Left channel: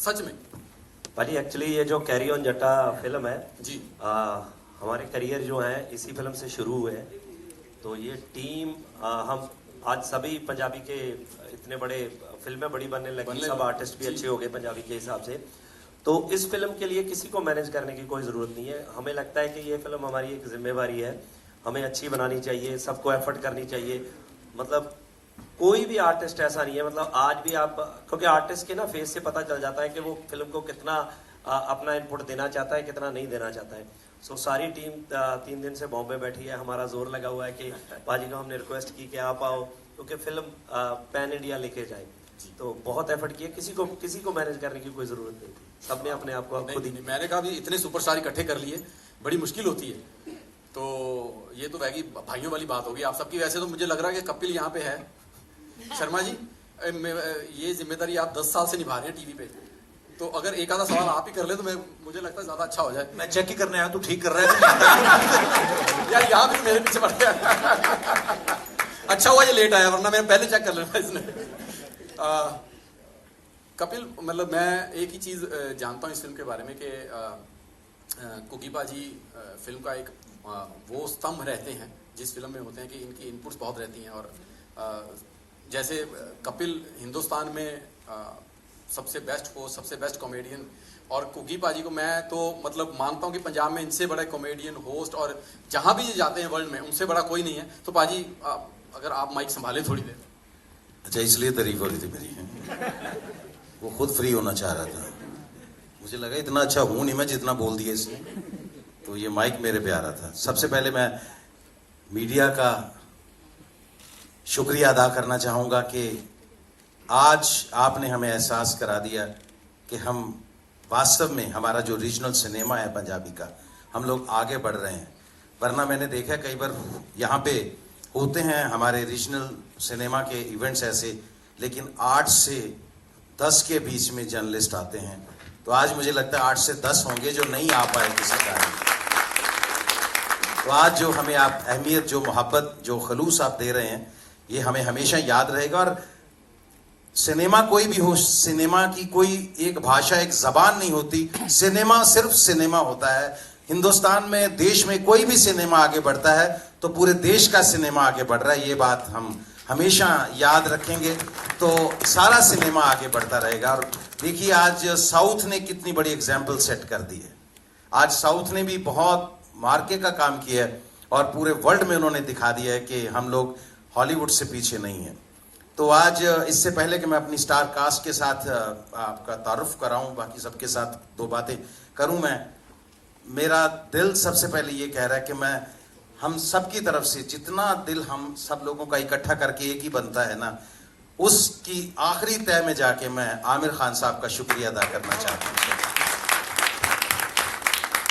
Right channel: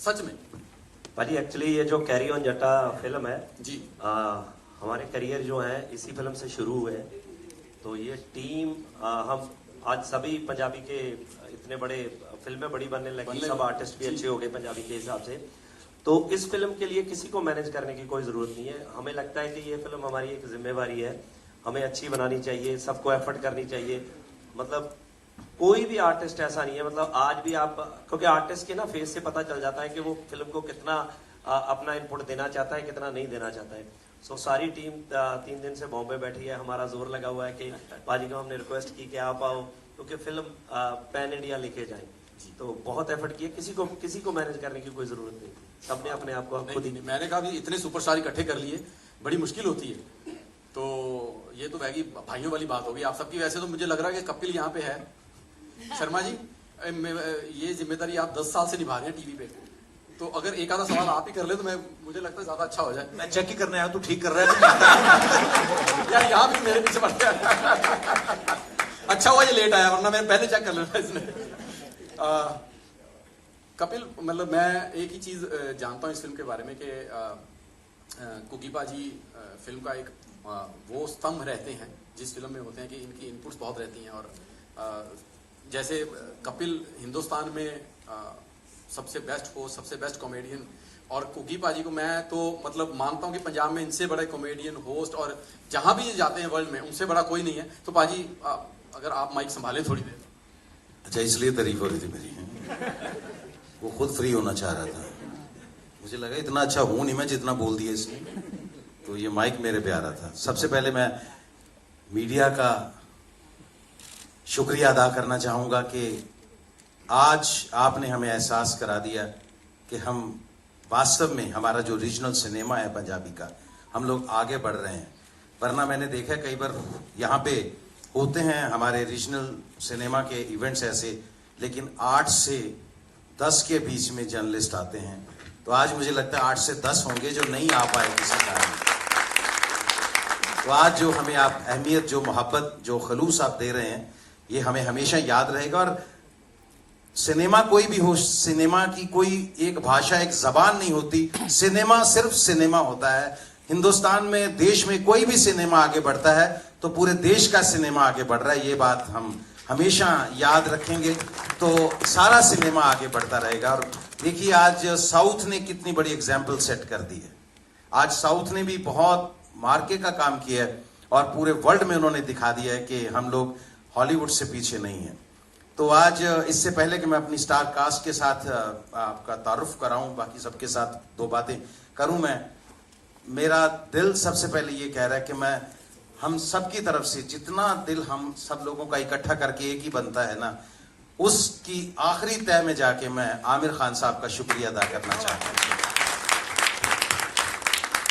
सच में भाजी एक्चुअली ये जो कैरी ऑन जट्टा फिल्म है जी, हमारे करियर जो है इसी फिल्म से शुरू हुए हैं। तो ये टीम हम आज सभी पंजाबी के इतने बड़े फिल्में बड़ी बनने लगी, सब आर्टिस्ट भी अच्छे हो गए पंजाबी के हिसाब से। तो इस फिल्म के लिए किसी को मैनेज करने की कोई जरूरत नहीं है। हमें लगता है कि ये फिल्म हमारी एक जिम्मेवारी है, हमें अच्छी बनानी चाहिए, सबको एफर्ट करनी चाहिए। मतलब कोई भी आर्टिस्ट ऐसा नहीं है, मतलब आज भी आप, क्योंकि आर्टिस्ट के ना फेस से पता चल जाता है कि वो फिल्म को कितना अपना इनपुट देना चाहता है, कितना नहीं देना चाहता है। सो सारी टीम 3 दिन से बॉम्बे बैठी है, हमारा जोर लगा हुआ है कि बाजी को हमने रिक्वेस्ट की कि आप आओ, क्योंकि फिल्म पैन इंडिया लेके जाए। तो बहुत एफर्ट किया, किसी को मैनेज करने की कोई जरूरत नहीं थी, सबने अपने आप को खुद ही। मैंने कहा भी इतने सुपरस्टार इकट्ठे कर लिए बड़ी मुश्किल होती है, तो ये तो वैगी भाइयों वाली बात होगी आप सबकी। वैसे तो मुझे लग रहा है कि कपिल यहाँ पे है, शर्मा जी ये जिम्मेदारी आप 10 साल से निभा रहे हैं टीवी पे, तो अगर एक आधा सवाल आप ही कर ले तो मुझे लगता है ज्यादा अच्छा हो जाए। मैं चेक ही करने आया, तू ठीक कर रहा है यार यहाँ भी मेरे पीछे पड़ गया। अच्छा हुआ ये लेट आया, वरना मैं पहले चेक कर लेना इसने। कपिल, मतलब मैं एक ही चीज जानता हूँ इस फिल्म के बारे में कि कुकी पाजी फिल्म का एक वो स्तंभ रहते हैं जिस फिल्म में होते हैं कि इनकी इनपुट्स बहुत रहती हैं। और जैसे कपिल हिंदुस्तान में सबसे बेस्ट होस्ट, सबसे बेस्ट कॉमेडियन, और कुकी पाजी को मैं तो मतलब मानता हूँ कि पंजाब में इनसे बड़ा कॉमेडियन होस्ट और जहां भी ये जाते हैं वर्ल्ड में उनसे बड़ा कोई नहीं है। तो पाजी अगर आप माइक संभाले थोड़ी देर। अच्छा, इसलिए तारीफ हो रही थी मेरी, वो खुद फ्री होना चाह रहा था। मुझे लगा इतना अच्छा हूं नहीं मैं जितना बोल दिया इसने, तो ये माइक मेरे पे आ रहा था। सबसे पहले मैं मीडिया का शुक्रिया अदा करना चाहूंगा कि आज आपने हमें एहसास करा दिया कि हम वास्तव में हमारा जो रीजनल सिनेमा है पंजाबी का, हम लोग आगे बढ़ रहे हैं। वरना मैंने देखा कई बार यहाँ पे होते हैं हमारे रीजनल सिनेमा के इवेंट्स ऐसे, लेकिन 8 से 10 के बीच में जर्नलिस्ट आते हैं। तो आज मुझे लगता है 8 से 10 होंगे जो नहीं आ पाए किसी कारण। तो आज जो हमें आप अहमियत, जो मोहब्बत, जो खलूस आप दे रहे हैं, ये हमें हमेशा याद रहेगा। और सिनेमा कोई भी हो, सिनेमा की कोई एक भाषा, एक जबान नहीं होती। सिनेमा सिर्फ सिनेमा होता है। हिंदुस्तान में, देश में कोई भी सिनेमा आगे बढ़ता है तो पूरे देश का सिनेमा आगे बढ़ रहा है। ये बात हम हमेशा याद रखेंगे, तो सारा सिनेमा आगे बढ़ता रहेगा। और देखिए आज साउथ ने कितनी बड़ी एग्जाम्पल सेट कर दी है। आज साउथ ने भी बहुत मार्के का काम किया है और पूरे वर्ल्ड में उन्होंने दिखा दिया है कि हम लोग हॉलीवुड से पीछे नहीं है। तो आज इससे पहले कि मैं अपनी स्टार कास्ट के साथ आपका तारुफ कराऊं, बाकी सबके साथ 2 बातें करूं, मेरा दिल सबसे पहले ये कह रहा है कि मैं हम सब की तरफ से जितना दिल हम सब लोगों का इकट्ठा करके एक ही बनता है ना, उसकी आखिरी तय में जाके मैं आमिर खान साहब का शुक्रिया अदा करना चाहता हूं।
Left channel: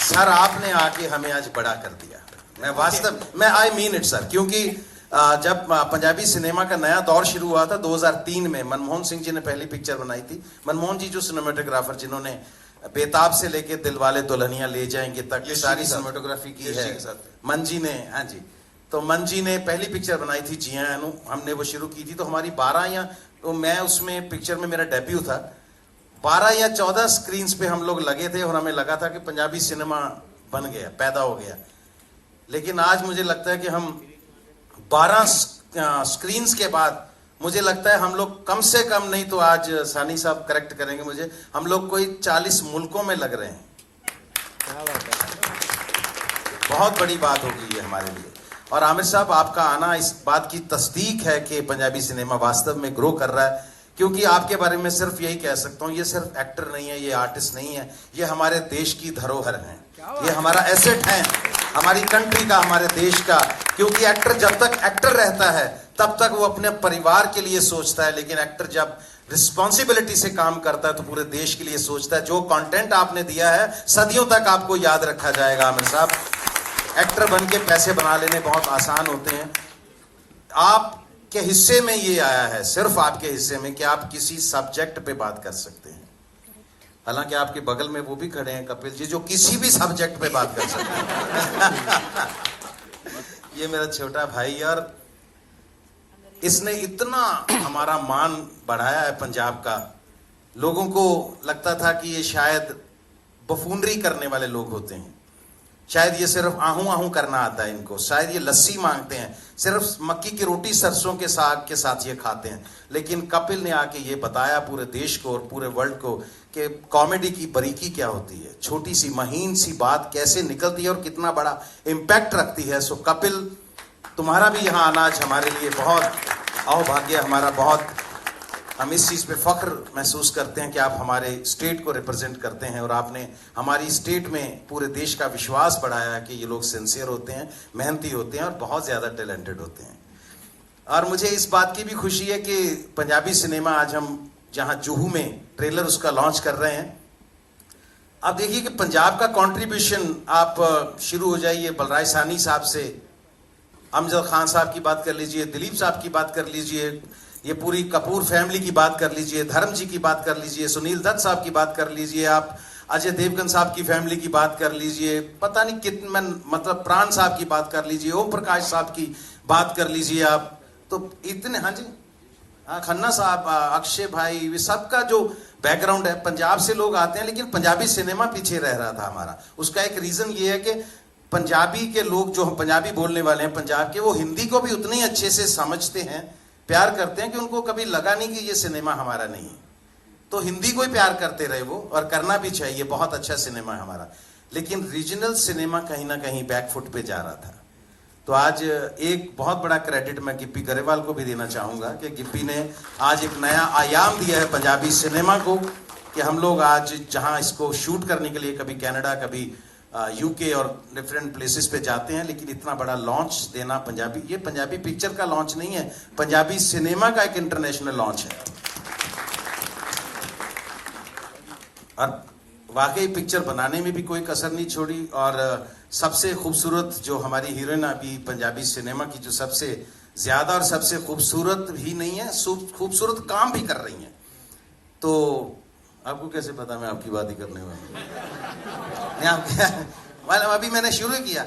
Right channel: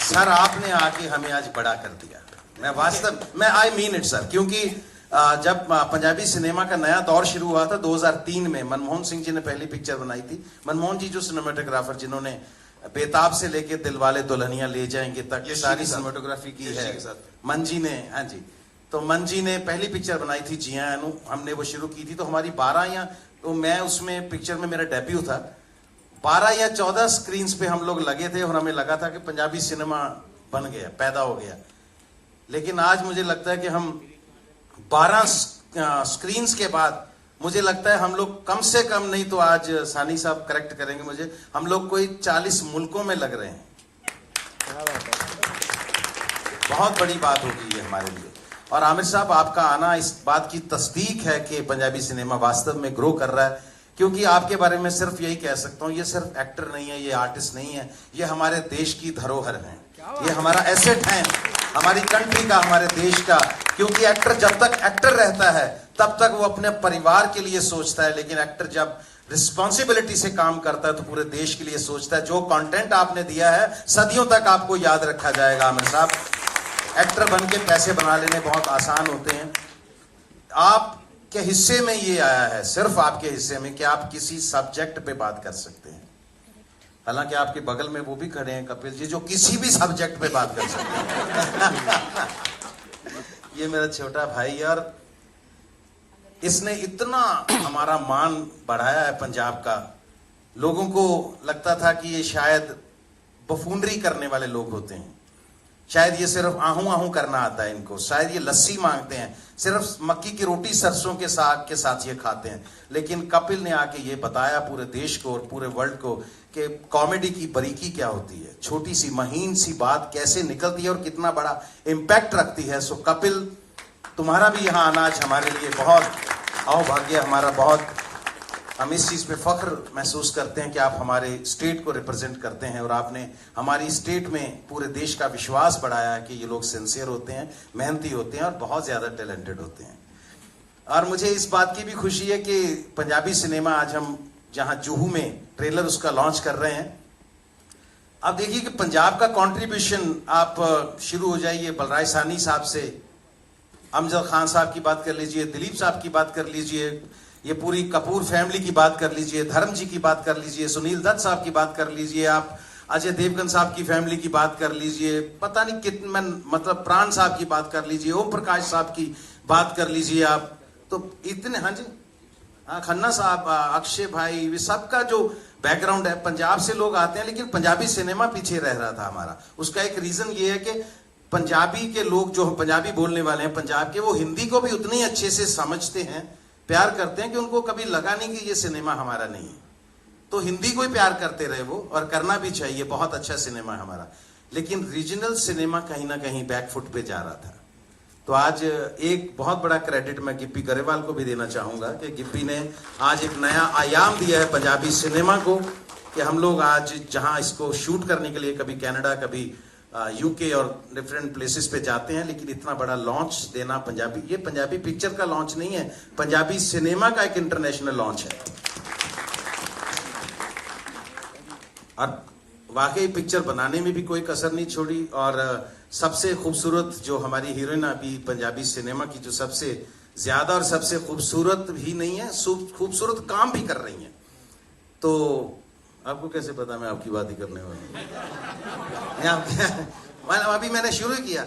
सर, आपने आके हमें आज बड़ा कर दिया। मैं वास्तव में आई मीन इट सर, क्योंकि जब पंजाबी सिनेमा का नया दौर शुरू हुआ था 2003 में, मनमोहन सिंह जी ने पहली पिक्चर बनाई थी। मनमोहन जी जो सिनेमेटोग्राफर जिन्होंने बेताब से लेके दिलवाले दुल्हनिया ले जाएंगे तक ये सारी सिनेमेटोग्राफी की है, मन जी ने। हाँ जी, तो मन जी ने पहली पिक्चर बनाई थी जिया अनु, हमने वो शुरू की थी। तो हमारी 12 या, तो मैं उसमें पिक्चर में मेरा डेब्यू था, 12 या 14 स्क्रीन पे हम लोग लगे थे और हमें लगा था कि पंजाबी सिनेमा बन गया, पैदा हो गया। लेकिन आज मुझे लगता है कि हम 12 स्क्रीन के बाद, मुझे लगता है हम लोग कम से कम नहीं तो आज सानी साहब करेक्ट करेंगे मुझे, हम लोग कोई 40 मुल्कों में लग रहे हैं। बहुत बड़ी बात होगी ये हमारे लिए। और आमिर साहब, आपका आना इस बात की तस्दीक है कि पंजाबी सिनेमा वास्तव में ग्रो कर रहा है। क्योंकि आपके बारे में सिर्फ यही कह सकता हूँ, ये सिर्फ एक्टर नहीं है, ये आर्टिस्ट नहीं है, ये हमारे देश की धरोहर है, ये हमारा एसेट है, हमारी कंट्री का, हमारे देश का। क्योंकि एक्टर जब तक एक्टर रहता है तब तक वो अपने परिवार के लिए सोचता है, लेकिन एक्टर जब रिस्पॉन्सिबिलिटी से काम करता है तो पूरे देश के लिए सोचता है। जो कंटेंट आपने दिया है सदियों तक आपको याद रखा जाएगा आमिर साहब। एक्टर बन के पैसे बना लेने बहुत आसान होते हैं। आपके हिस्से में ये आया है, सिर्फ आपके हिस्से में, कि आप किसी सब्जेक्ट पे बात कर सकते हैं। हालांकि आपके बगल में वो भी खड़े हैं कपिल जी, जो किसी भी सब्जेक्ट पे बात कर सकते हैं। ये मेरा छोटा भाई, और इसने इतना हमारा मान बढ़ाया है पंजाब का लोगों को लगता था कि ये शायद बफूनरी करने वाले लोग होते हैं, शायद ये सिर्फ आहू आहू करना आता है इनको, शायद ये लस्सी मांगते हैं, सिर्फ मक्की की रोटी सरसों के साग के साथ ये खाते हैं। लेकिन कपिल ने आके ये बताया पूरे देश को और पूरे वर्ल्ड को कि कॉमेडी की बारीकी क्या होती है, छोटी सी महीन सी बात कैसे निकलती है और कितना बड़ा इम्पैक्ट रखती है। सो कपिल, तुम्हारा भी यहाँ आना आज हमारे लिए बहुत अहोभाग्य, हमारा बहुत, हम इस चीज पे फख्र महसूस करते हैं कि आप हमारे स्टेट को रिप्रेजेंट करते हैं और आपने हमारी स्टेट में पूरे देश का विश्वास बढ़ाया है कि ये लोग सिंसियर होते हैं, मेहनती होते हैं और बहुत ज्यादा टैलेंटेड होते हैं। और मुझे इस बात की भी खुशी है कि पंजाबी सिनेमा आज हम जहां जुहू में ट्रेलर उसका लॉन्च कर रहे हैं। आप देखिए कि पंजाब का कंट्रीब्यूशन, आप शुरू हो जाइए बलराज सानी साहब से, अमजद खान साहब की बात कर लीजिए, दिलीप साहब की बात कर लीजिए, ये पूरी कपूर फैमिली की बात कर लीजिए, धर्म जी की बात कर लीजिए, सुनील दत्त साहब की बात कर लीजिए, आप अजय देवगन साहब की फैमिली की बात कर लीजिए, पता नहीं कितने, मतलब प्राण साहब की बात कर लीजिए, ओम प्रकाश साहब की बात कर लीजिए आप, तो इतने, हाँ जी, हाँ, खन्ना साहब, अक्षय भाई, वे सबका जो बैकग्राउंड है, पंजाब से लोग आते हैं, लेकिन पंजाबी सिनेमा पीछे रह रहा था हमारा। उसका एक रीजन ये है कि पंजाबी के लोग जो पंजाबी बोलने वाले हैं पंजाब के, वो हिंदी को भी उतनी अच्छे से समझते हैं, प्यार करते हैं कि उनको कभी लगा नहीं कि ये सिनेमा हमारा नहीं है। तो हिंदी को ही प्यार करते रहे वो, और करना भी चाहिए, बहुत अच्छा सिनेमा है हमारा। लेकिन रीजनल सिनेमा कहीं ना कहीं बैकफुट पे जा रहा था। तो आज एक बहुत बड़ा क्रेडिट मैं गिप्पी गरेवाल को भी देना चाहूंगा कि गिप्पी ने आज एक नया आयाम दिया है पंजाबी सिनेमा को, कि हम लोग आज जहां इसको शूट करने के लिए कभी कनाडा, कभी यूके और डिफरेंट प्लेसेस पे जाते हैं, लेकिन इतना बड़ा लॉन्च देना पंजाबी, ये पंजाबी पिक्चर का लॉन्च नहीं है, पंजाबी सिनेमा का एक इंटरनेशनल लॉन्च है। और वाकई पिक्चर बनाने में भी कोई कसर नहीं छोड़ी, और सबसे खूबसूरत जो हमारी हीरोइन अभी पंजाबी सिनेमा की, जो सबसे ज्यादा और सबसे खूबसूरत भी नहीं है, खूबसूरत काम भी कर रही है। तो आपको कैसे पता मैं आपकी बात ही करने वाला हूं? अभी मैंने शुरू किया,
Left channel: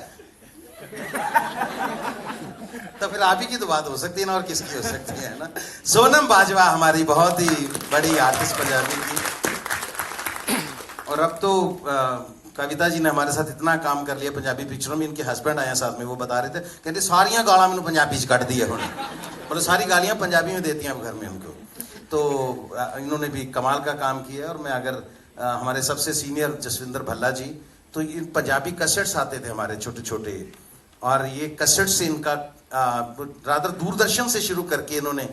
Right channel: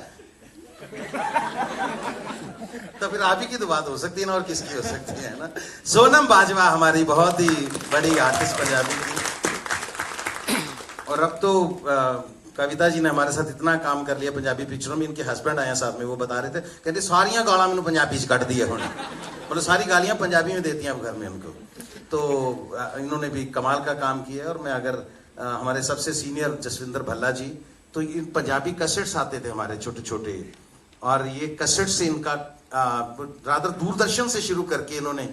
तो फिर आप ही की तो बात हो सकती है ना, और किसकी हो सकती है ना। सोनम बाजवा हमारी बहुत ही बड़ी आर्टिस्ट पंजाबी की, और अब तो कविता जी ने हमारे साथ इतना काम कर लिया पंजाबी पिक्चरों में। इनके हस्बैंड आए साथ में, वो बता रहे थे, कहते सारियां गालां मैंने पंजाबी च कट दी है, और सारी गालियां पंजाबी में देती हैं घर में उनको। तो इन्होंने भी कमाल का काम किया है। और मैं अगर हमारे सबसे सीनियर जसविंदर भल्ला जी, तो इन पंजाबी कैसेट्स आते थे हमारे छोटे छोटे, और ये कैसेट से इनका रादर दूरदर्शन से शुरू करके इन्होंने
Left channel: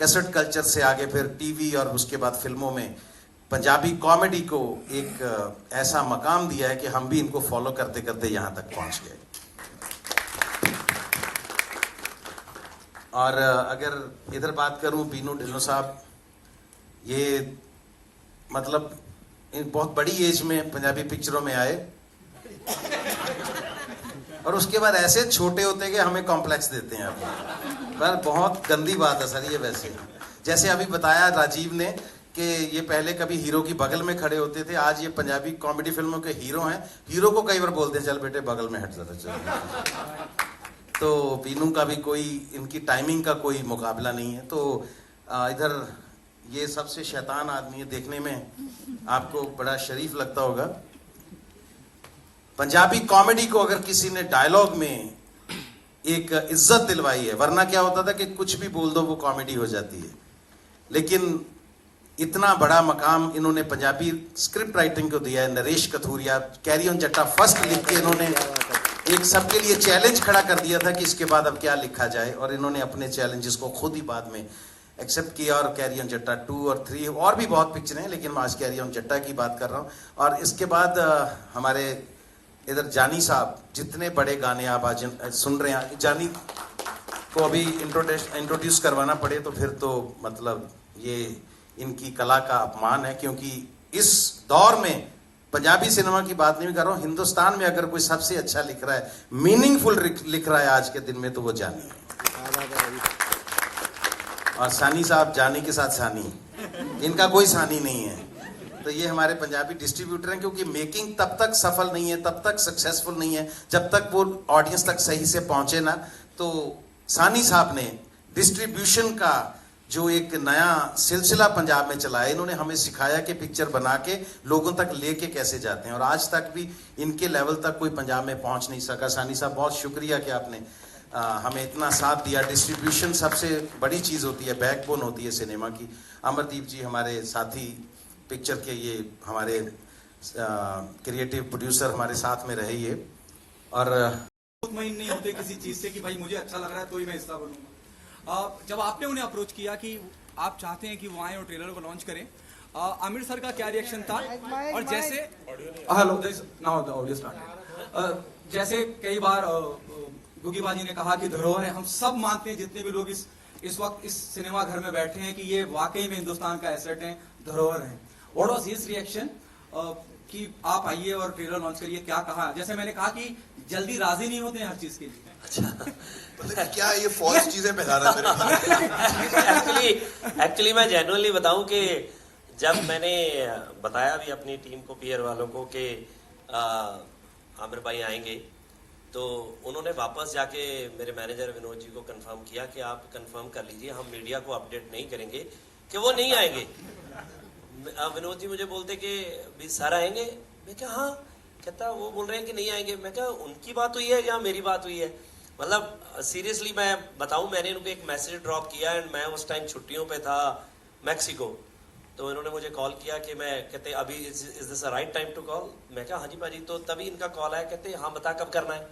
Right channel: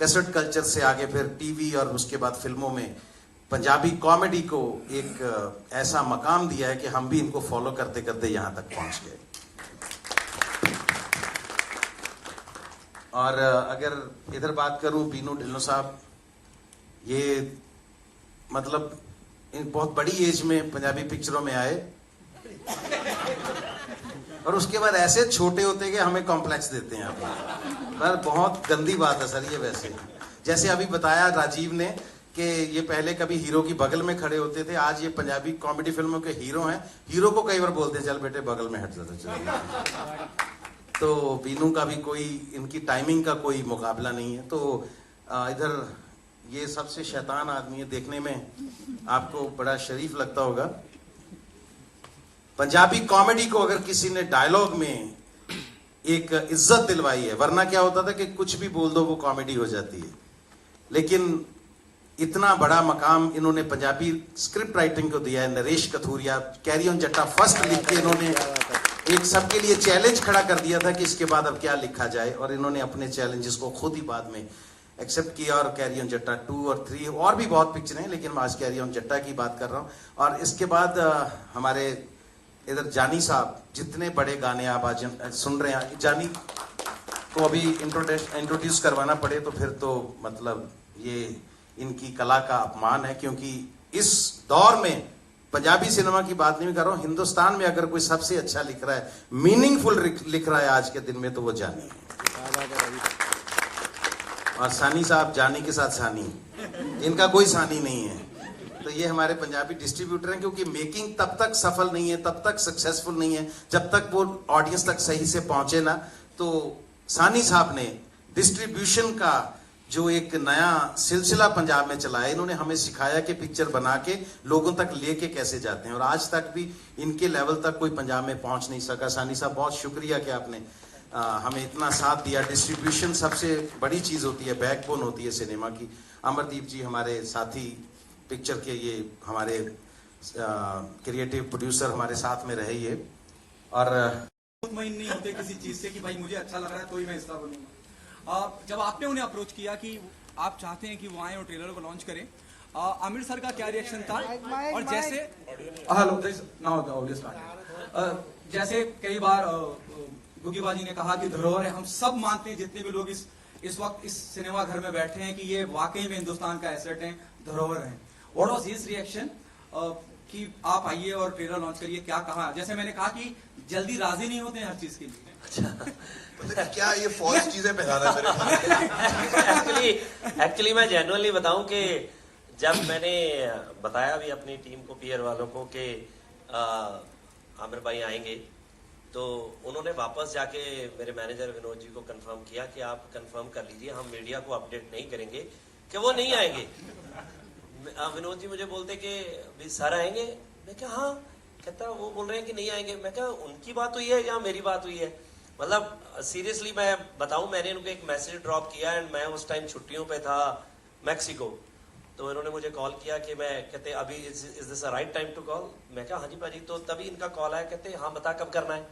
कैसेट कल्चर से आगे फिर टीवी और उसके बाद फिल्मों में पंजाबी कॉमेडी को एक ऐसा मकाम दिया है कि हम भी इनको फॉलो करते करते यहां तक पहुंच गए। और अगर इधर बात करूं, बीनू ढिल्लों साहब, ये मतलब इन बहुत बड़ी एज में पंजाबी पिक्चरों में आए, और उसके बाद ऐसे छोटे होते कि हमें कॉम्प्लेक्स देते हैं। पर बहुत गंदी बात है सर ये। वैसे जैसे अभी बताया राजीव ने कि ये पहले कभी हीरो की बगल में खड़े होते थे, आज ये पंजाबी कॉमेडी फिल्मों के हीरो हैं। हीरो को कई बार बोलते हैं चल बेटे बगल में हट जाता चल। तो बीनू का भी कोई, इनकी टाइमिंग का कोई मुकाबला नहीं है। तो इधर ये सबसे शैतान आदमी है, देखने में आपको बड़ा शरीफ लगता होगा। पंजाबी कॉमेडी को अगर किसी ने डायलॉग में एक इज्जत दिलवाई है, वरना क्या होता था कि कुछ भी बोल दो वो कॉमेडी हो जाती है। लेकिन इतना बड़ा मकाम इन्होंने पंजाबी स्क्रिप्ट राइटिंग को दिया है। नरेश कथूरिया, कैरी ऑन जट्टा फर्स्ट लिख के इन्होंने एक सबके लिए चैलेंज खड़ा कर दिया था कि इसके बाद अब क्या लिखा जाए, और इन्होंने अपने चैलेंजेस को खुद ही बाद में एक्सेप्ट किया। और कैरी ऑन जट्टा 2 और 3 और भी बहुत पिक्चर हैं, लेकिन मैं आज कैरी ऑन जट्टा की बात कर रहा हूँ। और इसके बाद हमारे इधर जानी साहब, जितने बड़े गाने आप आज सुन रहे हैं, जानी को अभी इंट्रोड्यूस करवाना पड़े तो फिर तो मतलब ये इनकी कला का अपमान है। क्योंकि इस दौर में पंजाबी सिनेमा की बात नहीं कर रहा हूं, हिंदुस्तान में अगर कोई सबसे अच्छा लिख रहा है, मीनिंगफुल लिख रहा है आज के दिन में, तो वो जानी है। और सानी साहब, जानी के साथ सानी, इनका कोई सानी नहीं है। तो ये हमारे पंजाबी डिस्ट्रीब्यूटर हैं, क्योंकि मेकिंग तब तक सफल नहीं है, तब तक सक्सेसफुल नहीं है जब तक वो ऑडियंस तक सही से पहुंचे ना। तो सानी साहब ने डिस्ट्रीब्यूशन का जो एक नया सिलसिला पंजाब में चलाया, इन्होंने हमें सिखाया कि पिक्चर बना के लोगों तक लेके कैसे जाते हैं, और आज तक भी इनके लेवल तक कोई पंजाब में पहुंच नहीं सका। सानी साहब बहुत शुक्रिया कि आपने हमें इतना साथ दिया। डिस्ट्रीब्यूशन सबसे बड़ी चीज होती है, बैकबोन होती है सिनेमा की। अमरदीप जी हमारे साथी पिक्चर के, ये हमारे क्रिएटिव प्रोड्यूसर हमारे साथ में रहे ये, और मुतमईन नहीं होते किसी चीज से कि भाई मुझे अच्छा लग रहा है तो ही मैं हिस्सा बनूंगा। जब आपने उन्हें अप्रोच किया कि आप चाहते हैं कि वो आए और ट्रेलर को लॉन्च करें, आमिर सर का क्या रिएक्शन था? और जैसे hello now the audio start, जैसे कई बार गुगी बाजी ने कहा कि धरोहर है, हम सब मानते हैं जितने भी लोग इस वक्त इस सिनेमा घर में बैठे हैं कि ये वाकई में हिंदुस्तान का एसेट है, धरोहर है। व्हाट वाज हिज रिएक्शन कि आप आइए और ट्रेलर लॉन्च करिए? क्या कहा? जैसे मैंने कहा कि जल्दी राजी नहीं होते हैं हर चीज के लिए। अच्छा, क्या ये फॉल्स चीजें पहना रहे? एक्चुअली मैं जेन्युइनली बताऊं कि जब मैंने बताया भी अपनी टीम को, पीयर वालों को, कि आमिर भाई आएंगे, तो उन्होंने वापस जाके मेरे मैनेजर विनोद जी को कंफर्म किया कि आप कंफर्म कर लीजिए, हम मीडिया को अपडेट नहीं करेंगे कि वो नहीं आएंगे। विनोद जी मुझे बोलते कि भी सर आएंगे, मैं क्या हाँ, कहता वो बोल रहे हैं कि नहीं आएंगे। मैं क्या उनकी बात हुई है या मेरी बात हुई है? मतलब सीरियसली मैं बताऊं, मैंने उनको एक मैसेज ड्रॉप किया एंड मैं उस टाइम छुट्टियों पे था मैक्सिको, तो इन्होंने मुझे कॉल किया कि मैं, कहते अभी is this a right time to call? मैं कहा हाँ जी भाजी। तो तभी इनका कॉल आया, कहते हाँ बता कब करना है।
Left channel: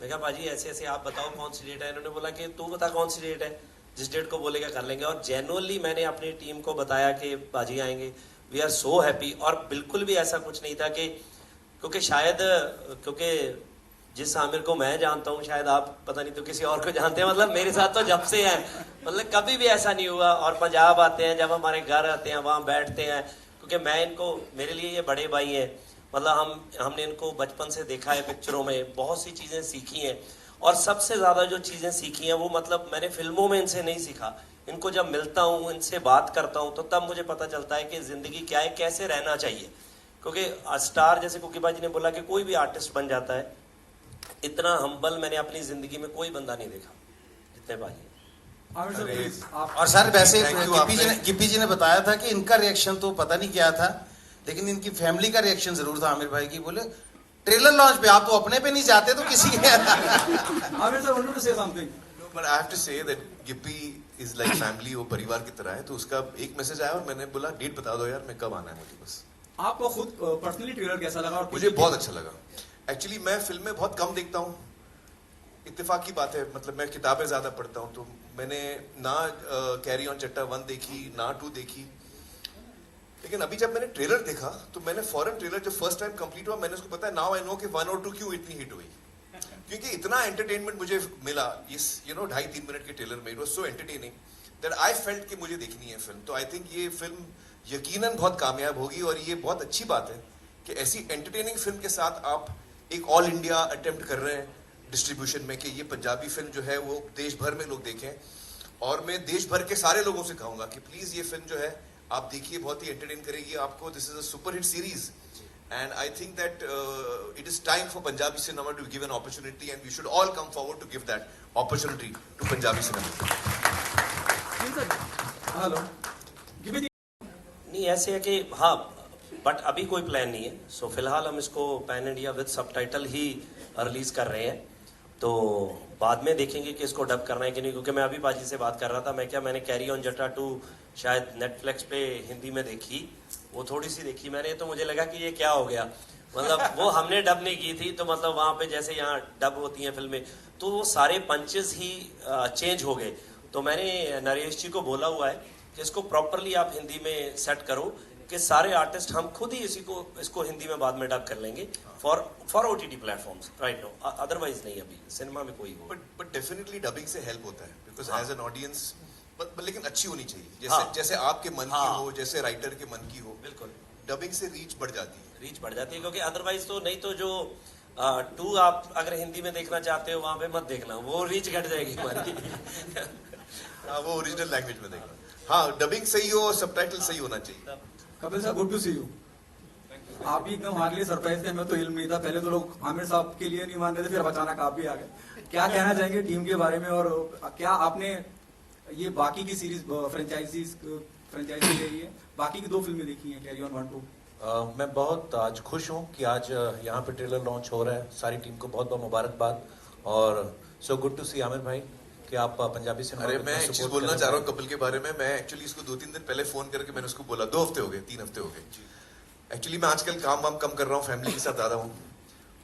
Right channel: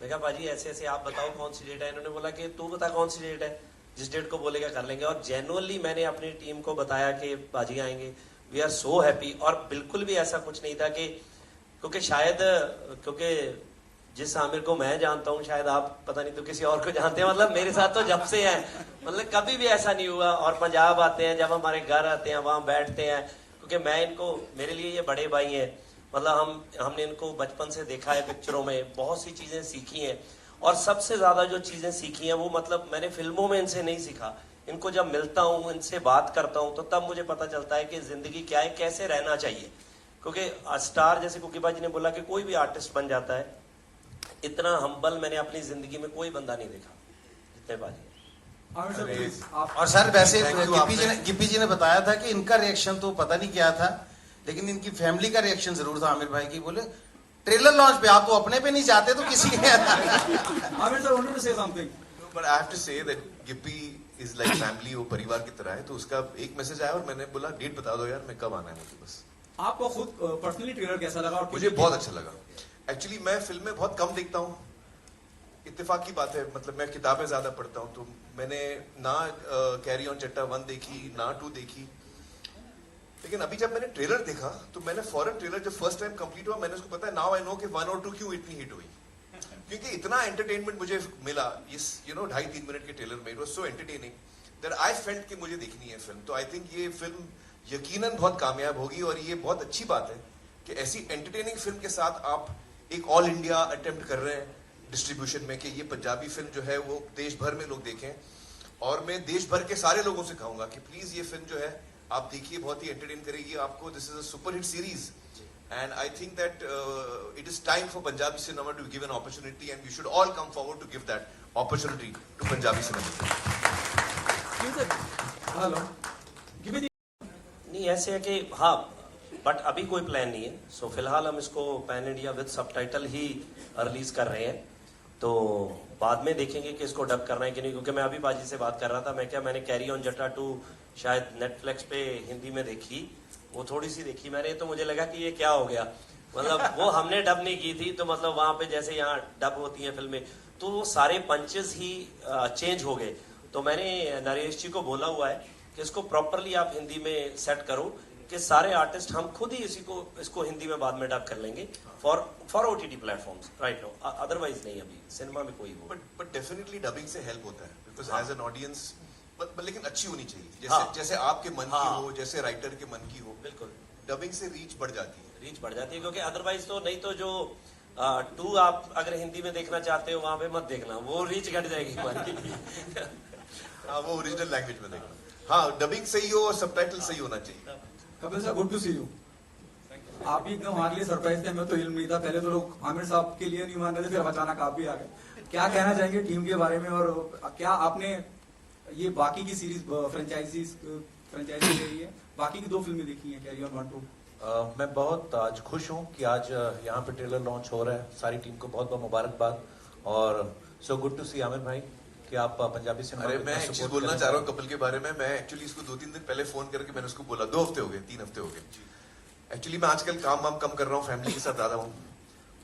मैं कहा भाजी ऐसे ऐसे आप बताओ कौन सी डेट है। इन्होंने बोला कि तू बता कौन सी डेट है, जिस डेट को बोलेगा कर लेंगे। और जेन्युइनली मैंने अपनी टीम को बताया कि बाजी आएंगे, वी आर सो हैप्पी। और बिल्कुल भी ऐसा कुछ नहीं था कि, क्योंकि जिस आमिर को मैं जानता हूँ शायद आप पता नहीं तो किसी और को जानते हैं, मतलब मेरे साथ तो जब से है, मतलब कभी भी ऐसा नहीं हुआ। और पंजाब आते हैं, जब हमारे घर आते हैं वहां बैठते हैं, क्योंकि मैं इनको, मेरे लिए ये बड़े भाई हैं, मतलब हमने इनको बचपन से देखा है पिक्चरों में, बहुत सी चीजें सीखी हैं। और सबसे ज्यादा जो चीजें सीखी हैं वो मतलब मैंने फिल्मों में इनसे नहीं सीखा। इनको जब मिलता हूँ, इनसे बात करता हूँ, तो तब मुझे पता चलता है कि जिंदगी क्या है, कैसे रहना चाहिए। क्योंकि स्टार, जैसे कुकीबाजी ने बोला कि कोई भी आर्टिस्ट बन जाता है, इतना हम्बल मैंने अपनी जिंदगी में कोई बंदा नहीं देखा जितने बाजी। और सर वैसे गिप्पी जी ने बताया था कि इनका रिएक्शन तो पता नहीं क्या था, लेकिन इनकी फैमिली का रिएक्शन जरूर था आमिर भाई की। बोले ट्रेलर लॉन्च पे आप तो अपने पे नहीं जाते तो किसी के Aamir sir wanted to say something, but I have to say that Gippy is like family, वो परिवार की तरह है। तो उसका एक मैसेज आया और मैंने बोला डेट बता दो यार, मैं कब आना है मुझे बस। आपको खुद पर्सनली ट्रेलर कैसा लगा? और मुझे बहुत अच्छा लगा। एक्चुअली मैं फिल्में बहुत कम देखता हूँ, इत्तेफाक की बात है, मतलब मैं किताबें ज्यादा पढ़ता हूँ। तो मैंने ना कैरी ऑन चट्टा 1 देखी, ना 2 देखी, लेकिन अभी जब मैंने ट्रेलर देखा तो मैंने फॉरन ट्रेलर जब फर्स्ट टाइम कंप्लीट हुआ, मैंने उसको पता है, नाउ आई नो कि 1 और 2 क्यों इतनी हिट हुई, क्योंकि इतना एंटरटेनमेंट मुझे मिला इस 2.5-3 मिनट के ट्रेलर में। It was so entertaining that I felt कि मुझे देखनी है फिल्म। तो आई थिंक ये फिल्म यकीनन बहुत कामयाब होगी, और ये बहुत अच्छी बात है कि ऐसी एंटरटेनिंग फिल्म के साथ आप एक ऑल इंडिया अटेम्प्ट कर रहे हैं डिस्ट्रीब्यूशन में, कि ये पंजाबी फिल्म जो है वो देश भर में लोग देखें। और मैं देश भर के सारे लोगों से कहूंगा कि प्लीज ये फिल्म जो है आप देखिए, बहुत ही एंटरटेन करेगी आपको। This is a super hit series and I think that it is time for Punjabi cinema to give an opportunity, and we should all come forward to give that opportunity to Punjabi cinema. Hello नहीं ऐसे है कि हाँ, but अभी कोई plan नहीं है। सो फिलहाल हम इसको pan India with subtitle he release कर रहे हैं, तो बाद में देखेंगे कि इसको डब करना है कि नहीं। क्योंकि मैं अभी बाजी से बात कर रहा था, मैंने कैरी ऑन जट्टा 2 शायद नेटफ्लिक्स पे हिंदी में देखी, वो थोड़ी सी देखी मैंने, तो मुझे लगा कि ये क्या हो गया, मतलब वो हमने डब नहीं की थी, तो मतलब वहां पे जैसे यहाँ डब होती हैं फिल्में, तो वो सारे पंचेस ही चेंज हो गए। तो मैंने नरेश जी को बोला हुआ है कि इसको प्रॉपरली आप हिंदी में सेट करो, कि सारे आर्टिस्ट हम खुद ही इसको हिंदी में बाद में डब कर लेंगे for OTT platforms right no, otherwise नहीं अभी सिनेमा में कोई हो। बट डेफिनेटली डबिंग से हेल्प होता है, बिकॉज एज एन ऑडियंस, लेकिन अच्छी होनी चाहिए, जैसे हाँ, जैसे आपके मन की हाँ, हो, जैसे राइटर के मन की हो। बिल्कुल डबिंग से रीच बढ़ जाती है। रीच बढ़ जाती है, क्योंकि अदरवाइज तो नहीं, तो जो 2 आप अगर हिंदी में देखना चाहते हो वहां पे मत देखना, वो रीच घट जाएगी हमारी। हाँ, वो ओरिजिनल लैंग्वेज में देखना। हाँ, डबिंग सही हो, सबटाइटल सही होना चाहिए। Kapil sir, good to see you. आप भी एकदम हमारे लिए सरप्राइज थे, हमें तो इल्म नहीं था। पहले तो लोग आमिर साहब के लिए नहीं मान रहे थे, फिर अचानक आप भी आ गए। क्या कहना चाहेंगे टीम के बारे में, और क्या आपने ये बाकी की सीरीज फ्रेंचाइजी रही है, बाकी की 2 फिल्में देखी हैं, कैरी ऑन 1, 2। मैं बहुत आज खुश हूँ कि आज यहाँ पे ट्रेलर लॉन्च हो रहा है। सारी टीम को बहुत बहुत मुबारकबाद और सो गुड टू सी आमिर भाई कि आप पंजाबी सिनेमा अरे को मैं इतना एक चीज support बोलना कर चाह रहा रहे हूँ कपिल के बारे में। मैं एक्चुअली इसको 2-3 दिन पहले फोन करके मैंने उसको बोला, 2 हफ्ते हो गए, 3 हफ्ते हो गए। एक्चुअली मैं आजकल काम वाम कम कर रहा हूँ, फैमिली के साथ ज्यादा हूँ,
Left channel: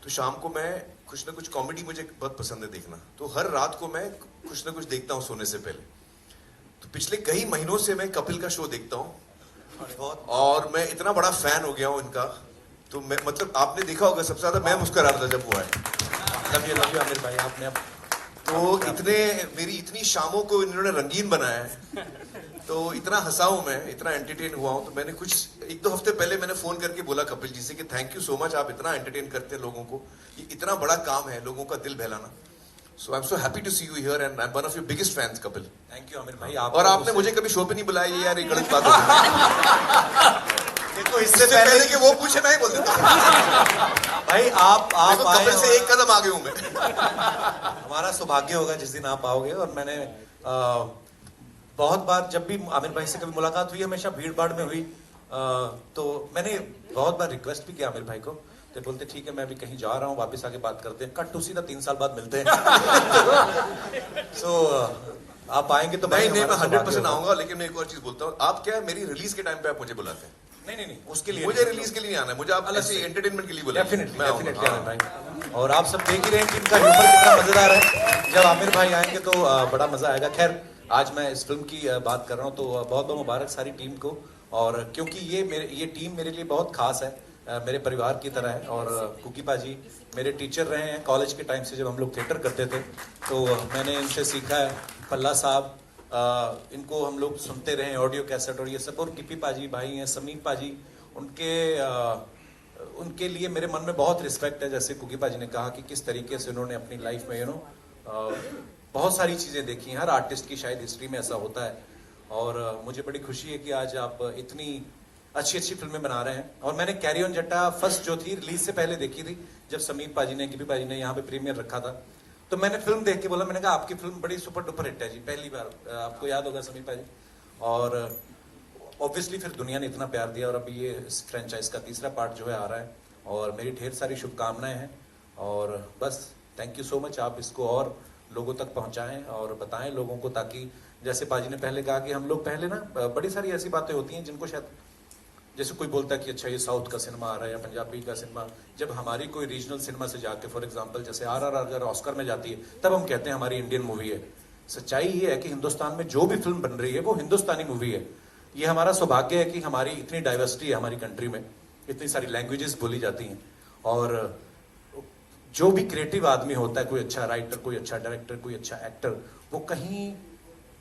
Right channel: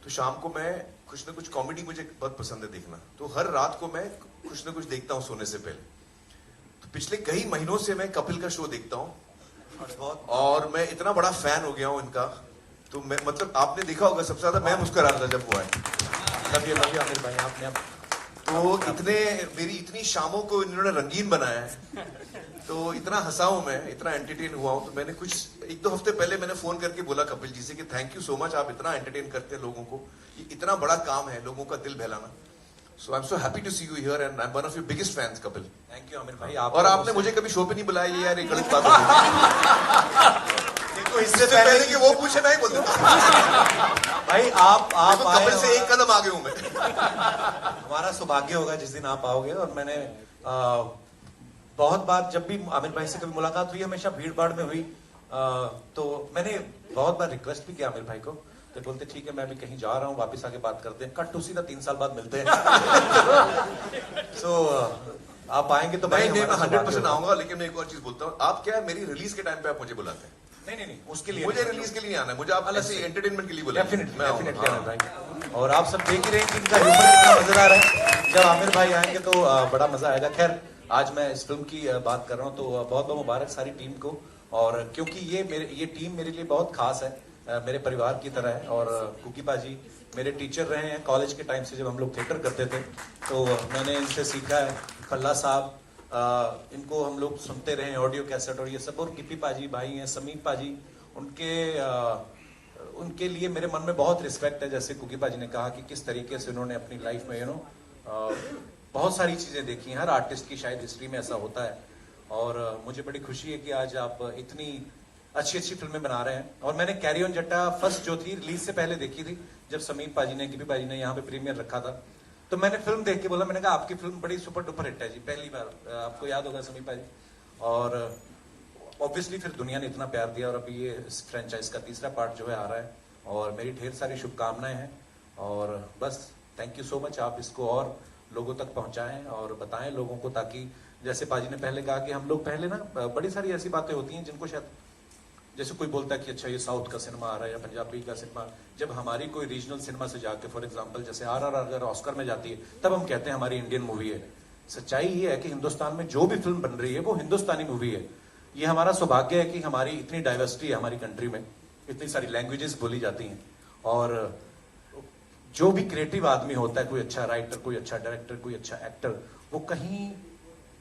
तो शाम को मैं कुछ ना कुछ कॉमेडी मुझे बहुत पसंद है देखना, तो हर रात को मैं कुछ ना कुछ देखता हूँ सोने से पहले। तो पिछले कई महीनों से मैं कपिल का शो देखता हूँ और मैं इतना बड़ा फैन हो गया हूँ इनका। तो मैं मतलब आपने देखा होगा सबसे ज्यादा मैं मुस्कुरा रहा था जब वो आया। लव यू आमिर भाई, आपने तो इतने मेरी इतनी शामों को इन्होंने रंगीन बनाया है, तो इतना हंसा हूं मैं, इतना एंटरटेन हुआ हूं। तो मैंने कुछ 1-2 हफ्ते पहले मैंने फोन करके बोला कपिल जी से कि थैंक यू सो मच, आप इतना एंटरटेन करते हैं लोगों को, ये इतना बड़ा काम है लोगों का दिल बहलाना। So I am so happy to see you here and I am one of your biggest fans Kapil. Thank you Aamir भाई। और आपने मुझे कभी शो पे नहीं बुलाया, ये यार ये गलत बात है। देखो इससे पहले कि वो पूछे मैं ही बोल देता। भाई आप देखो, आए कपिल से हो। एक कदम आगे हूं मैं। हमारा सौभाग्य होगा जिस दिन आप आओगे। और मैंने बहुत बार जब भी आमिर भाई से कभी मुलाकात हुई, हमेशा भीड़ भाड़ में हुई, तो मैंने बहुत बार रिक्वेस्ट भी किया आमिर भाई को, तो बोलते ठीक है मैं भी कहीं जा रहा हूँ, वापस आके बात करते हैं। कट टू सीधा 3 साल बाद मिलते हैं। सो आप आएंगे तो नहीं मैं हमारा 100% सौभाग्य आऊंगा, लेकिन मैं एक और चीज बोलता हूँ, आप क्या है मेरी रिलीज के टाइम पे आप मुझे बुलाते हैं, नहीं, उसके लिए मुझे रिलीज के लिए नहीं आना है, मुझे आप अलग से एंटरटेनमेंट के लिए बुलाइए। डेफिनेटली मैं आऊंगा। डेफिनेटली आमिर भाई। और आप सब देख ही रहे हैं कि इनका ह्यूमर कितना मजेदार है। जब आमिर भाई आएंगे तो बड़ा मजा आएगा। खैर आज मैं इस फिल्म की बात कर रहा हूँ, तो बहुत बहुत मुबारक सारी टीम को। और क्योंकि ये टीम मेरे लिए बहुत खास है, मेरे परिवार की तरह है। और कुकी पाजी मेरे टीचर रहे हैं कॉलेज के टाइम से, जब हम लोग थिएटर करते थे तो मैंने इनसे सीखा है। पल्ला साहब, इनको हम लोग सुनते रहे ऑडियो कैसेट और ये सब। और किपी पाजी भाई हैं, समीर पाजी, उनके लिए मेरे मन में बहुत रिस्पेक्ट है। जैसे कुकी पाजी ने कहा कि किस तरीके से उन्होंने अपनी लाइफ में बहुत सारी चीजें देखी हैं। हर आर्टिस्ट की शायद हिस्ट्री में ऐसा होता है। और मुझे बड़ी खुशी है कि आज आप इतनी अच्छी अच्छी फिल्में बना रहे हैं। और मैंने कैरी ऑन जट्टा फर्स्ट जो थी रिलीज से पहले देखी थी, जब समीर पाजी ने, किपी पाजी ने यहाँ पे प्रीमियर रखा था, तो मैंने फिल्म देख के बोला, मैंने कहा आपकी फिल्म बड़ी सुपर डुपर हिट है जी, पहली बार। आपको याद होगा समीर पाजी। और ऑब्वियसली फिर दुनिया ने इतना प्यार दिया और अभी ये इस फ्रेंचाइज का 3रा पार्ट जो है आ रहा है। और मेरी ढेर सारी शुभकामनाएं हैं। और बस थैंक यू सो मच, आप इसको और लोगों तक पहुंचाएं और बताएं लोगों को, ताकि जैसे पाजी ने पहले कहा कि हम लोग पहले ना, बड़ी सारी ऐसी बातें होती हैं जिनको शायद, जैसे कोई बोलता है कि अच्छा ये साउथ का सिनेमा आ रहा है या पंजाबी का सिनेमा, जब हमारी कोई रीजनल सिनेमा से जाके, फॉर एग्जांपल जैसे RRR अगर ऑस्कर में जाती है, तब हम कहते हैं हमारी इंडियन मूवी है। सच्चाई ये है कि हिंदुस्तान में जो भी फिल्म बन रही है वो हिंदुस्तानी मूवी है। ये हमारा सौभाग्य है कि हमारी इतनी डाइवर्सिटी है हमारी कंट्री में, इतनी सारी लैंग्वेजेस बोली जाती हैं। और जो भी क्रिएटिव आदमी होता है, कोई अच्छा राइटर, कोई अच्छा डायरेक्टर, कोई अच्छा एक्टर, वो कहीं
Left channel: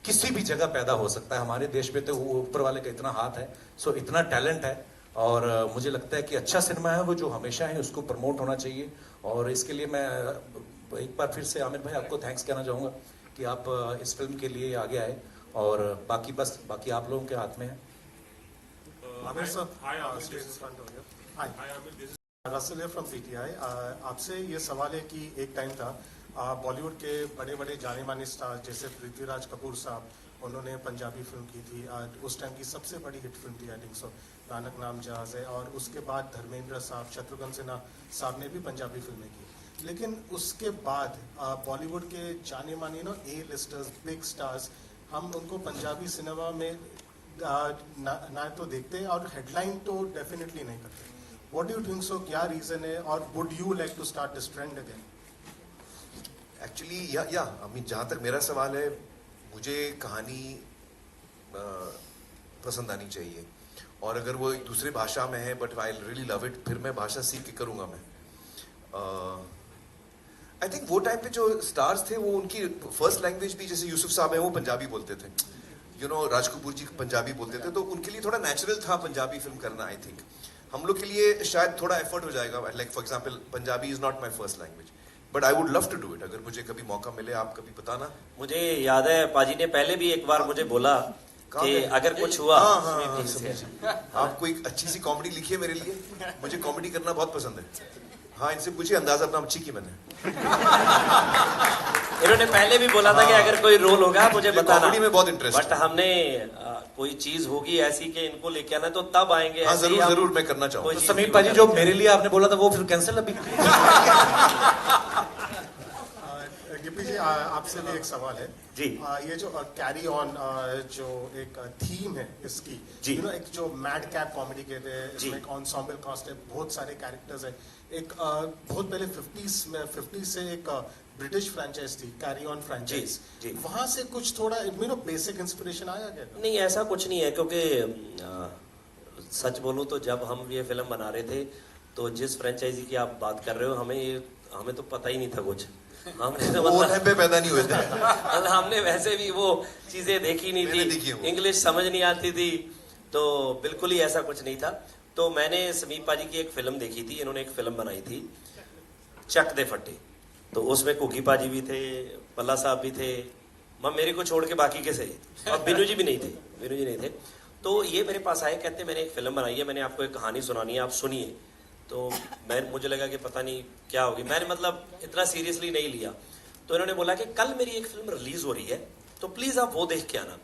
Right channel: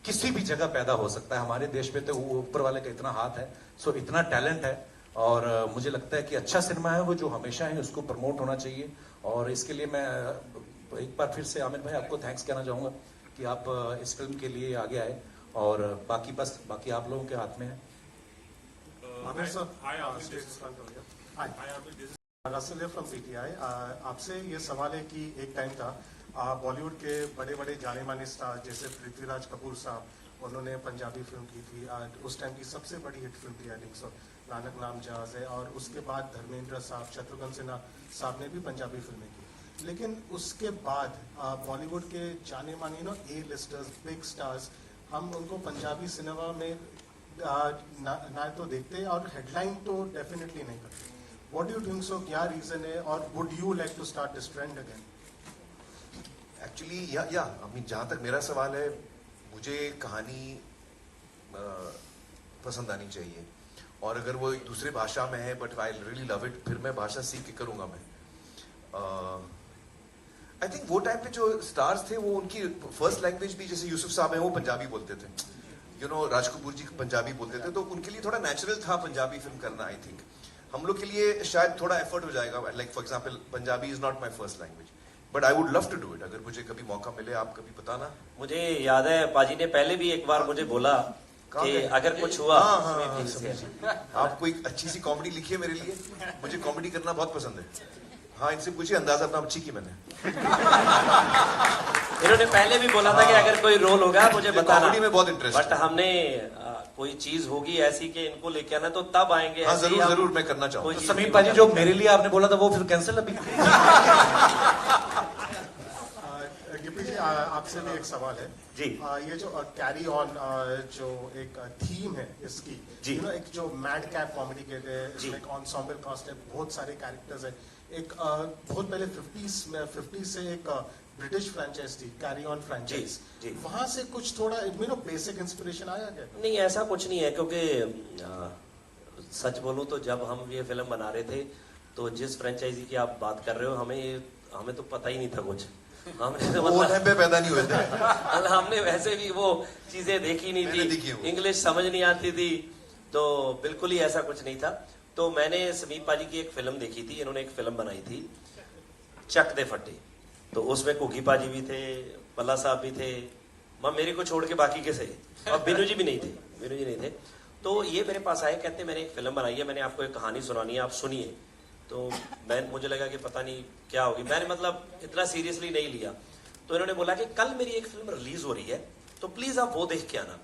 किसी भी जगह पैदा हो सकता है। हमारे देश में तो वो ऊपर वाले का इतना हाथ है, सो इतना टैलेंट है। और मुझे लगता है कि अच्छा सिनेमा है वो जो हमेशा है, उसको प्रमोट होना चाहिए। और इसके लिए मैं एक बार फिर से आमिर भाई आपको थैंक्स कहना चाहूंगा कि आप इस फिल्म के लिए आगे आए। और बाकी आप लोगों के हाथ में है। Russell from PTI. आपसे ये सवाल है कि एक टाइम था बॉलीवुड के बड़े बड़े जाने माने स्टार जैसे पृथ्वीराज कपूर साहब, उन्होंने पंजाबी फिल्म की थी। उस टाइम की सबसे बड़ी हिट फिल्म थी आई थिंक सो, नानक नाम जहाज है। और उसके बाद धर्मेंद्र साहब, शत्रुघ्न सिन्हा साहब ने भी पंजाबी फिल्में की। लेकिन उसके बाद बॉलीवुड के जाने माने A लिस्टर्स, बिग स्टार्स, हम उनको पंजाबी सिनेमा में ना तो देखते और हेडलाइन तो डेफिनेटली नहीं करते। What do you think so, क्या रीजन है? और would you like to start this trend again? Actually या आई मीन जहां तक मेरा सवाल है, मुझे कहानी पसंद आनी चाहिए। और अगर वो एक दूसरे भाषा में है but I really love it, फिर मैं भाषा सीख के करूंगा मैं। आई थिंक वो टाइम पे जो स्टार्स थे वो उनकी फर्स्ट लैंग्वेज भी, जैसे यूसुफ साहब है वो पंजाबी बोलते थे, राज कपूर जी पंजाबी बोलते थे, तो उनके लिए थोड़ा नेचुरल था पंजाबी फिल्म करना। आई थिंक हम लोग के लिए शायद थोड़ा एफर्ट हो जाएगा। Like for example Punjabi is not my first language, but I would love to do it. अगर मुझे कभी मौका मिले, आप कभी बताना। मुझे याद है पाजी ने पहले भी एक बार मुझे बोला कि अगर कुछ हुआ। आप कोई अच्छी सी कॉमेडी लिखिए मेरे लिए, मुझे कॉमेडी करना बहुत पसंद है। हाँ, इनसे पूछिए, अंदाजा अपना अच्छी की मैंने। इन्होंने पहले भी बोला था कि अगर कोई रोल होगा मुझे मुझे बताना। comedy में बहुत interest बट है। हमने कोई चीज होगी ऐसी कि इनको लेके आना तो तब आएंगे। हाँ, ऐसे ही जरूर हम- जरूर मैं करना कोई चाहूंगा। चीज समीप नहीं पाजी बता जो सकते। मेरे लिए आपने बोला था वो फिर कैंसिल अभी। गिप्पी जी आपसे भी एक सवाल है जी। ये जो कैरी ऑन जो एक थीम है इसकी जी। यू नो एक जो मैड कैप कॉमेडी कहते हैं जी। इसमें एक ensemble कास्ट है बहुत सारे कैरेक्टर्स है एक बहुत पहले 50 से एक ब्रिटिश फ्रेंचाइज थी कैरी ऑन फ्रेंचाइज जी। वहां से कुछ थोड़ा यू नो बेसिक इंस्पिरेशन आया क्या नहीं ऐसा कुछ नहीं है क्योंकि सच बोलूं तो जब हम ये फिल्म बना रहे थे तो जिस फ्रेंचाइजी की आप बात कर रहे हो हमें तो पता ही नहीं था कुछ। हमने तो वो मतलब- पे पैदा नहीं हुए थे। मतलब हमने वैसे भी वो चीजें देखी नहीं मैंने देखी है थी, वो। इंग्लिश समझ नहीं आती थी, तो बिल्कुल ही ऐसा कुछ नहीं था। तो मैंने समीप पाजी की एक फिल्म देखी थी, इन्होंने एक फिल्म बनाई थी चक दे फटे, तो उसमें कुकी पाजी भी थे, पल्ला साहब भी थे, मेरे को छोड़ के बाकी के सही, और बिनू जी भी नहीं थे, बिनू जी नहीं थे। तो ये मेरे पास आए, कहते मैंने एक फिल्म बनाई है, मैंने आपको एक कहानी सुनानी है, आप सुनिए। तो मुझे लगा कि पता नहीं क्या होगी, मैंने मतलब इतना सीरियसली नहीं लिया। तो इन्होंने बोला कि कल मेरी एक फिल्म रिलीज हो रही है तो प्लीज आप वो देख के आना।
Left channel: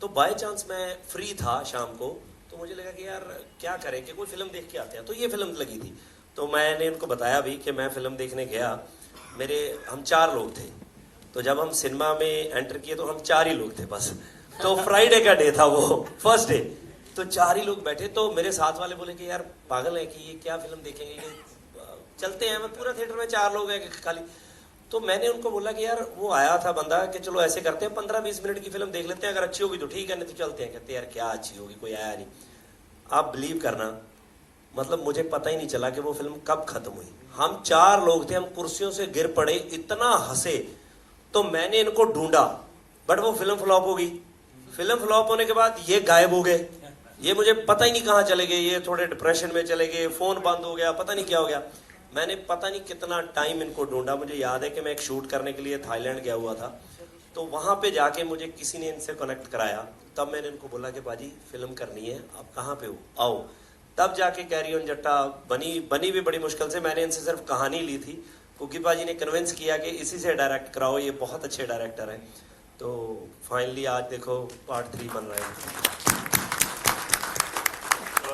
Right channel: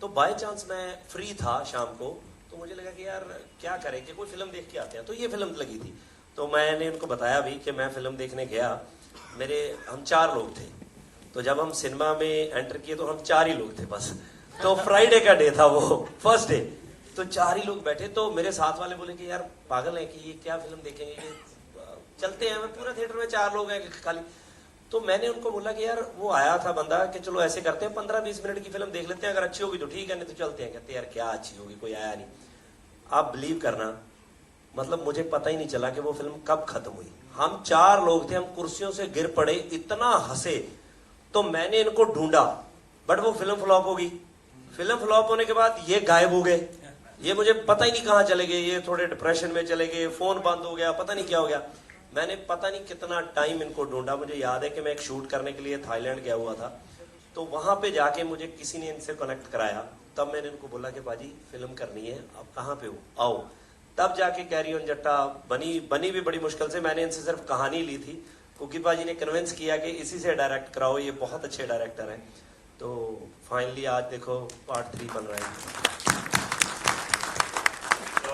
तो बाय चांस मैं फ्री था शाम को, तो मुझे लगा कि यार क्या करें कि कोई फिल्म देख के आते हैं। तो ये फिल्म लगी थी, तो मैंने उनको बताया भी कि मैं फिल्म देखने गया, हम 4 लोग थे। तो जब हम सिनेमा में एंटर किए तो हम 4 ही लोग थे बस। तो फ्राइडे का डे था वो, फर्स्ट डे, तो 4 ही लोग बैठे। तो मेरे साथ वाले बोले कि यार पागल है कि ये क्या फिल्म देखेंगे, ये चलते हैं। मैं पूरा थिएटर में 4 लोग हैं खाली। तो मैंने उनको बोला कि यार वो आया था बंदा कि चलो ऐसे करते हैं 15-20 मिनट की फिल्म देख लेते हैं, अगर अच्छी होगी तो ठीक है, नहीं तो चलते हैं। कहते यार क्या अच्छी होगी, कोई आया नहीं। आप बिलीव करना, मतलब मुझे पता ही नहीं चला कि वो फिल्म कब खत्म हुई। हम 4 लोग थे, हम कुर्सियों से गिर पड़े, इतना हंसे। तो मैंने इनको ढूंढा, बट वो फिल्म फ्लॉप हो गई। फिल्म फ्लॉप होने के बाद ये गायब हो गए, ये मुझे पता ही नहीं कहाँ चले गए, ये थोड़े डिप्रेशन में चले गए, फोन बंद हो गया, पता नहीं क्या हो गया। मैंने पता नहीं कितना टाइम इनको ढूंढा। मुझे याद है कि मैं एक शूट करने के लिए थाईलैंड गया हुआ था, तो वहां पे जाके मुझे किसी ने इनसे कनेक्ट कराया। तब मैंने इनको बोला कि बाजी फिल्म करनी है, आप कहाँ पे हो, आओ। तब जाके कैरी ऑन जट्टा बनी भी बड़ी मुश्किल से। मैंने इनसे सिर्फ कहानी ली थी, कुकी पाजी ने कन्विंस किया कि इसी से डायरेक्ट कराओ, ये बहुत अच्छे डायरेक्टर हैं। तो फाइनली आज देखो पार्ट 3 बन रहा है।